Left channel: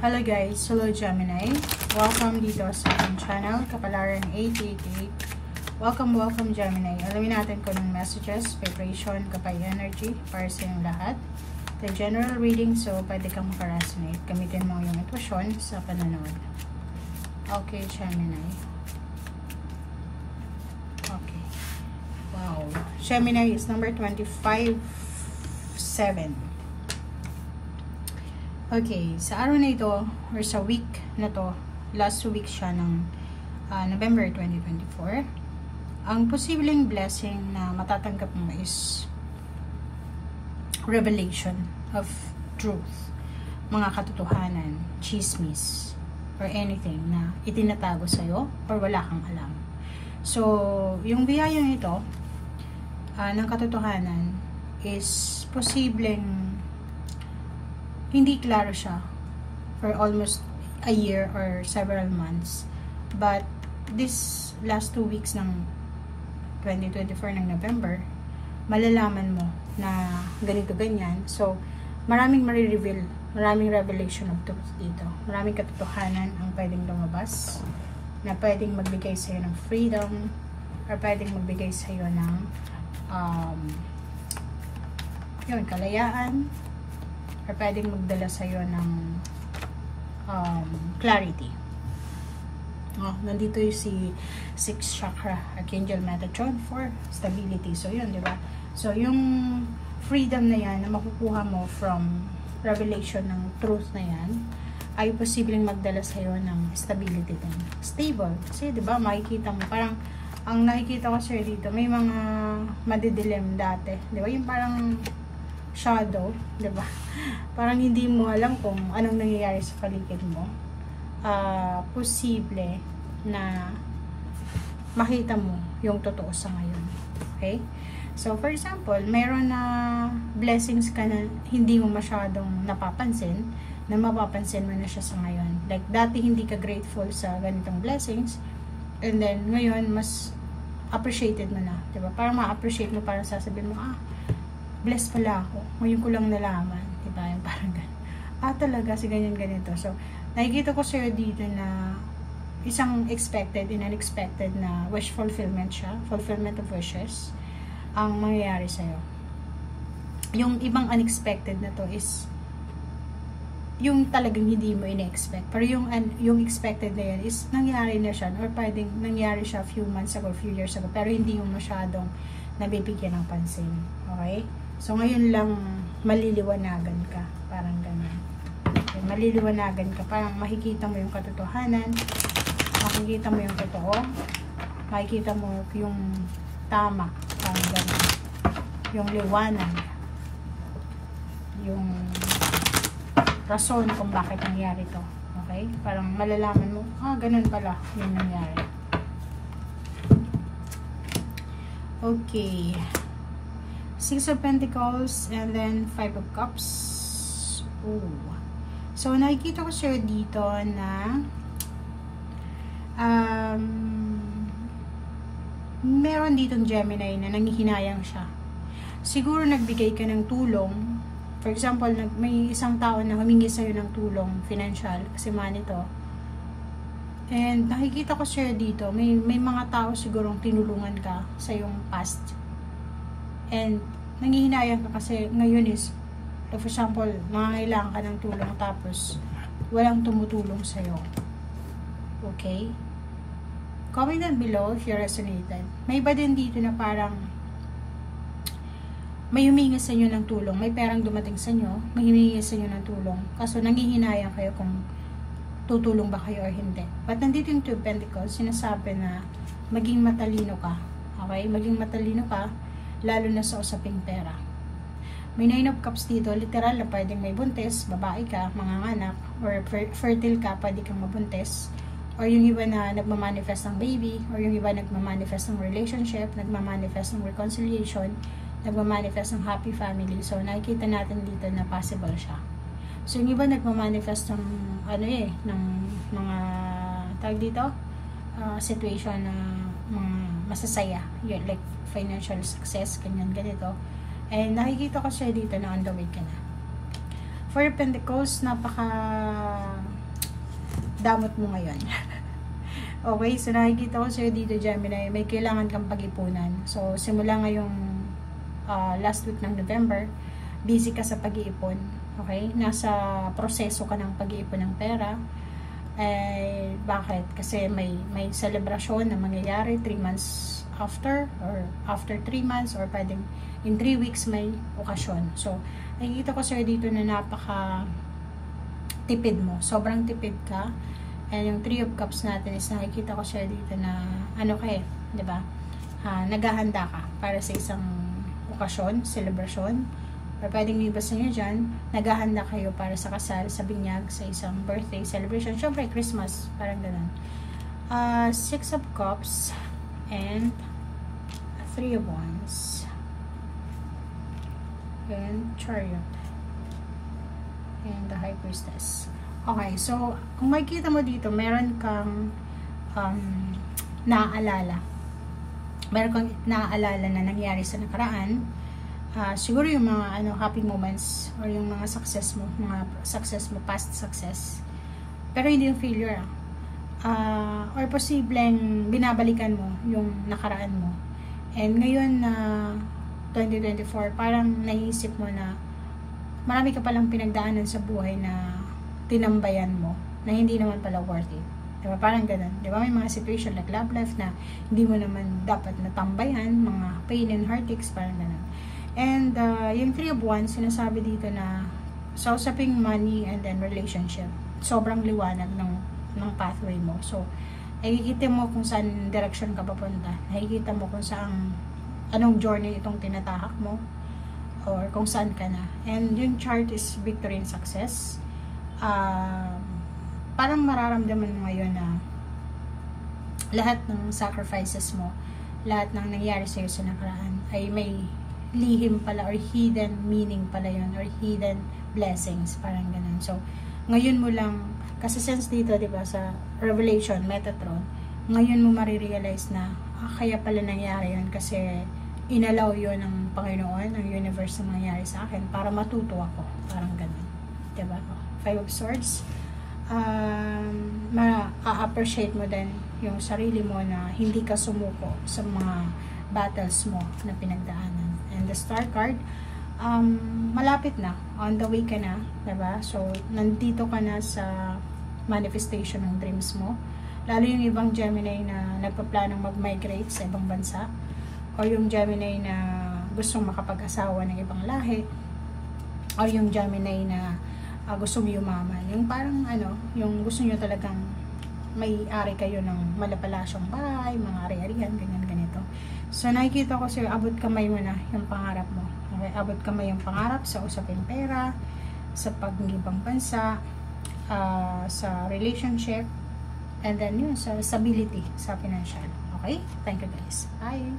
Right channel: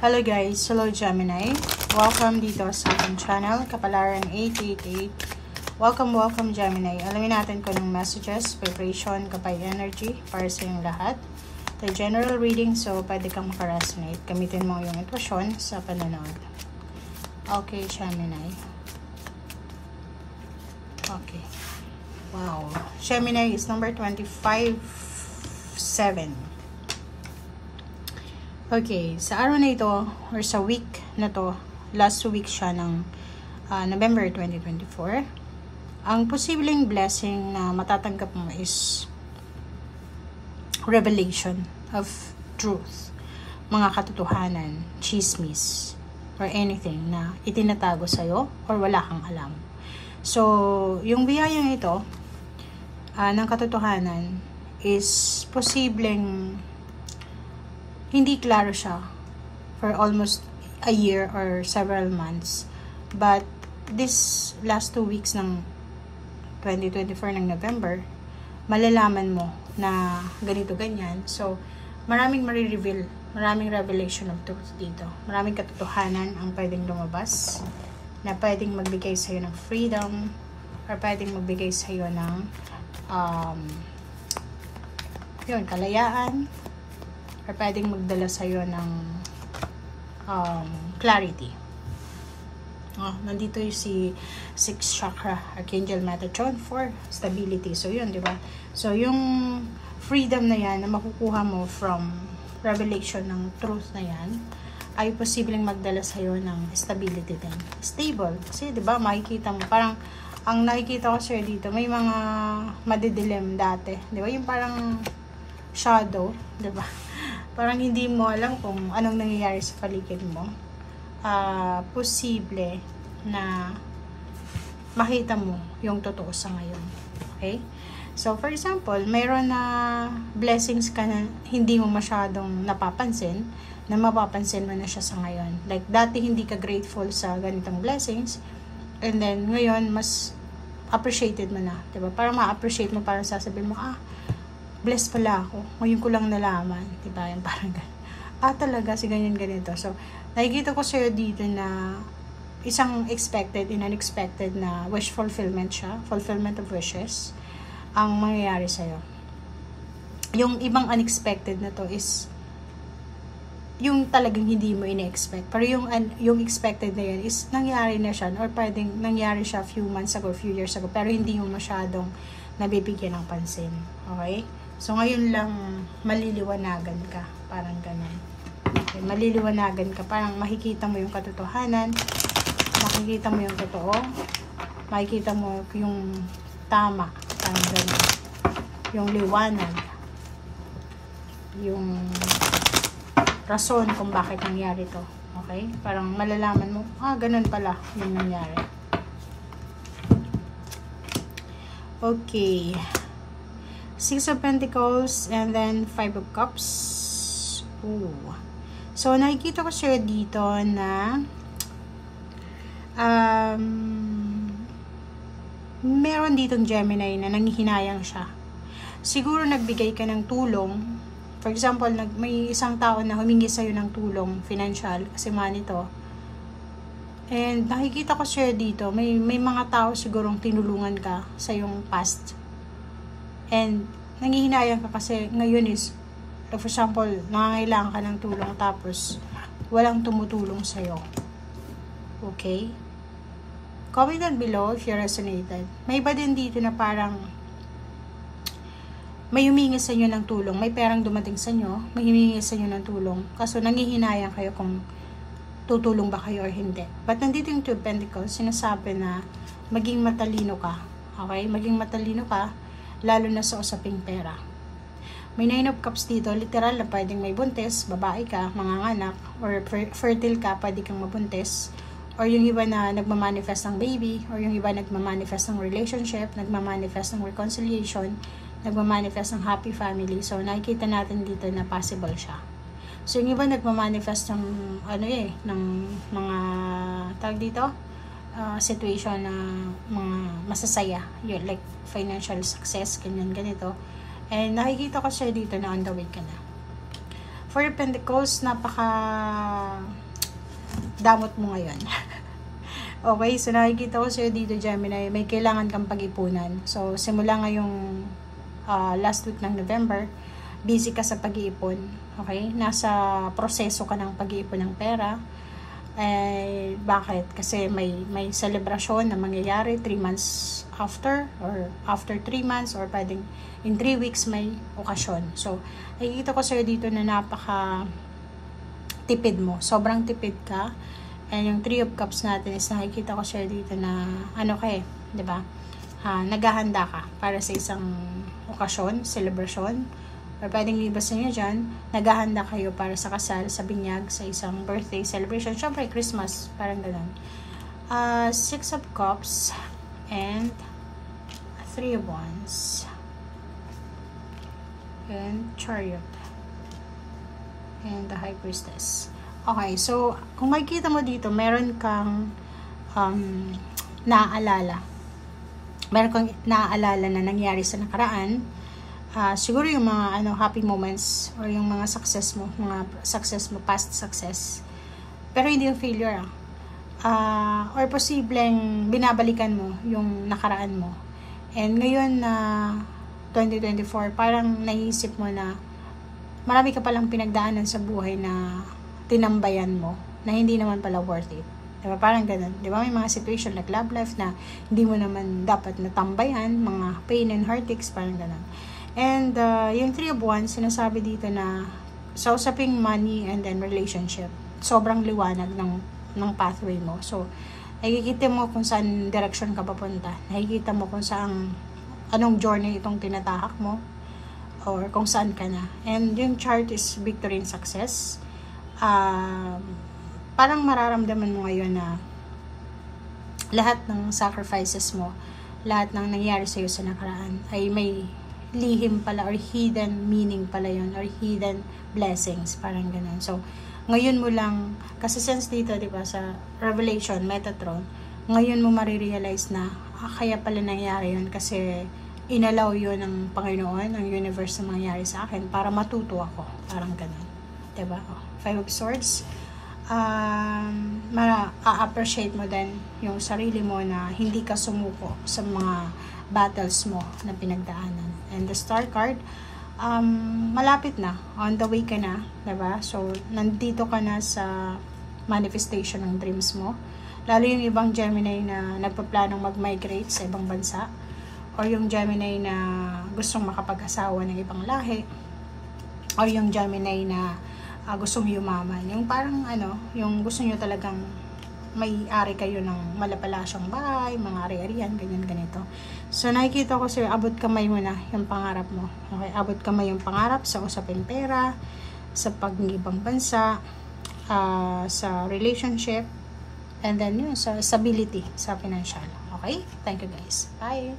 Hello guys, hello Gemini. Welcome dito sa ating channel, Kapalaran 888. Welcome Gemini. Alamin natin kung anong messages, preparation, kapay energy para sa inyong lahat. The general reading, so pwede kang makaresonate. Gamitin mo yung intuition sa pananood. Okay, Gemini. Okay. Wow. Gemini is number 25-7. Okay, sa araw na ito, or sa week na to, last week siya ng November 2024, ang posibleng blessing na matatanggap mo is revelation of truth, mga katotohanan, chismis, or anything na itinatago sa'yo or wala kang alam. So, yung biyayang ito ng katotohanan is posibleng hindi klaro siya for almost a year or several months. But this last 2 weeks ng 2024 ng November, malalaman mo na ganito ganyan. So, maraming marireveal, maraming revelation of truth dito. Maraming katotohanan ang pwedeng lumabas na pwedeng magbigay sa'yo ng freedom or pwedeng magbigay sa'yo ng kalayaan, or pwedeng magdala sa'yo ng clarity. Nandito yung si 6th chakra, Archangel Metatron for stability. So, yun, di ba? So, yung freedom na yan na makukuha mo from revelation ng truth na yan, ay posibleng magdala sa'yo ng stability din. Stable. Kasi, di ba, makikita mo, parang, ang nakikita ko sa'yo dito, may mga madidilim dati. Di ba? Yung parang shadow, di ba? Parang hindi mo alam kung anong nangyayari sa paligid mo. Posible na makita mo yung totoo sa ngayon. Okay? So, for example, mayroon na blessings ka na hindi mo masyadong napapansin, na mapapansin mo na siya sa ngayon. Like, dati hindi ka grateful sa ganitong blessings, and then, ngayon, mas appreciated mo na. Diba? Parang ma-appreciate mo, parang sasabihin mo, blessed pala ako. Ngayon ko lang nalaman. Diba? Yung parang talaga, si ganyan ganito. So, nakikita ko sa'yo dito na isang expected and unexpected na wish fulfillment siya. Fulfillment of wishes ang mangyayari sa'yo. Yung ibang unexpected na to is yung talagang hindi mo ine-expect. Pero yung expected na yun is nangyari na siya or pwedeng nangyari siya few months ago, few years ago, pero hindi mo masyadong nabibigyan ng pansin. Okay? So, ngayon lang maliliwanagan ka. Parang ganun. Okay, maliliwanagan ka. Parang makikita mo yung katotohanan. Makikita mo yung totoo. Makikita mo yung tama. Parang ganun. Yung liwanag. Yung rason kung bakit nangyari to. Okay? Parang malalaman mo, ganun pala yung nangyari. Okay. 6 of Pentacles and then 5 of Cups. Ooh. So, nakikita ko siya dito na meron ditong Gemini na nangihinayang siya. Siguro nagbigay ka ng tulong. For example, may isang tao na humingi sa'yo ng tulong, financial, kasi money to. And nakikita ko siya dito, may mga tao sigurong tinulungan ka sa yung past. And nangihinayang ka kasi ngayon is, for example, nangangailangan ka ng tulong tapos walang tumutulong sa'yo. Okay? Comment down below if you resonated. May iba din dito na parang may humingi sa inyo ng tulong, may perang dumating sa inyo, may humingi sa inyo ng tulong, kaso nangihinayang kayo kung tutulong ba kayo or hindi. But nandito yung 2 of Pentacles, sinasabi na maging matalino ka. Okay? Maging matalino ka, lalo na sa usaping pera. May 9 of Cups dito, literal na pwedeng may buntis, babae ka, manganganak, or fertile ka, pwede kang mabuntis, or yung iba na nagmamanifest ng baby, or yung iba nagmamanifest ng relationship, nagmamanifest ng reconciliation, nagmamanifest ng happy family. So, nakikita natin dito na possible siya. So, yung iba nagmamanifest ng, ng mga, tawag dito, situation na mga masasaya, like financial success, ganito. And nakikita ko siya dito na on the way ka na. For Pentacles, napaka damot mo ngayon. Okay, so nakikita ko sa'yo dito, Gemini, may kailangan kang pag-ipunan. So, simula ngayong last week ng November, busy ka sa pag-iipon. Okay, nasa proseso ka ng pag-iipon ng pera. Bakit? Kasi may celebration na mangyayari 3 months after, or after 3 months, or pwedeng in 3 weeks may okasyon. So, nakikita ko sa'yo dito na napaka tipid mo. Sobrang tipid ka. And yung 3 of Cups natin is nakikita ko sa'yo dito na ano ka diba? Naghahanda ka para sa isang okasyon, celebration, or pwedeng iba sa inyo dyan, naghahanda kayo para sa kasal, sa binyag, sa isang birthday celebration, syempre Christmas, parang ganun. 6 of Cups and 3 of Wands and Chariot and the High Priestess. Okay, so kung makikita mo dito, meron kang naaalala. Meron kang naaalala na nangyari sa nakaraan. Siguro yung mga happy moments or yung mga success mo, past success. Pero hindi yung failure. Or posibleng binabalikan mo yung nakaraan mo. And ngayon na 2024, parang naisip mo na marami ka palang pinagdaanan sa buhay na tinambayan mo, na hindi naman pala worth it. Diba? Parang ganun. Diba? May mga situation like love life na hindi mo naman dapat natambayan, mga pain and heartaches, parang ganun. And yung 3 of Wands, sinasabi dito na sa usaping money and then relationship, sobrang liwanag ng pathway mo. So, nakikita mo kung saan direction ka papunta. Nakikita mo kung saan, anong journey itong tinatahak mo, or kung saan ka na. And yung chart is victory and success. Parang mararamdaman mo ngayon na lahat ng sacrifices mo, lahat ng nangyari sa'yo sa nakaraan ay may lihim pala or hidden meaning pala yun, or hidden blessings, parang ganun. So, ngayon mo lang, kasi since dito, diba, sa Revelation, Metatron, ngayon mo marirealize na, kaya pala nangyari yun kasi inalaw yun ng Panginoon, ng universe na mangyari sa akin para matuto ako, parang ganun. Diba? 5 of Swords. Ma-appreciate mo din yung sarili mo na hindi ka sumuko sa mga battles mo na pinagdaanan. And the Star card, malapit na, on the way ka na, diba? So, nandito ka na sa manifestation ng dreams mo. Lalo yung ibang Gemini na nagpaplanong mag-migrate sa ibang bansa, or yung Gemini na gustong makapag-asawa ng ibang lahi, or yung Gemini na gustong yumaman. Yung parang yung gusto nyo talagang may-ari kayo ng malapalasyong bahay, mga ari-arian, ganyan-ganito. So, nakikita ko sa'yo, abot kamay mo na yung pangarap mo. Okay? Abot kamay yung pangarap sa usaping pera, sa pag-ibang bansa, sa relationship, and then yun, sa stability, sa financial. Okay? Thank you guys. Bye!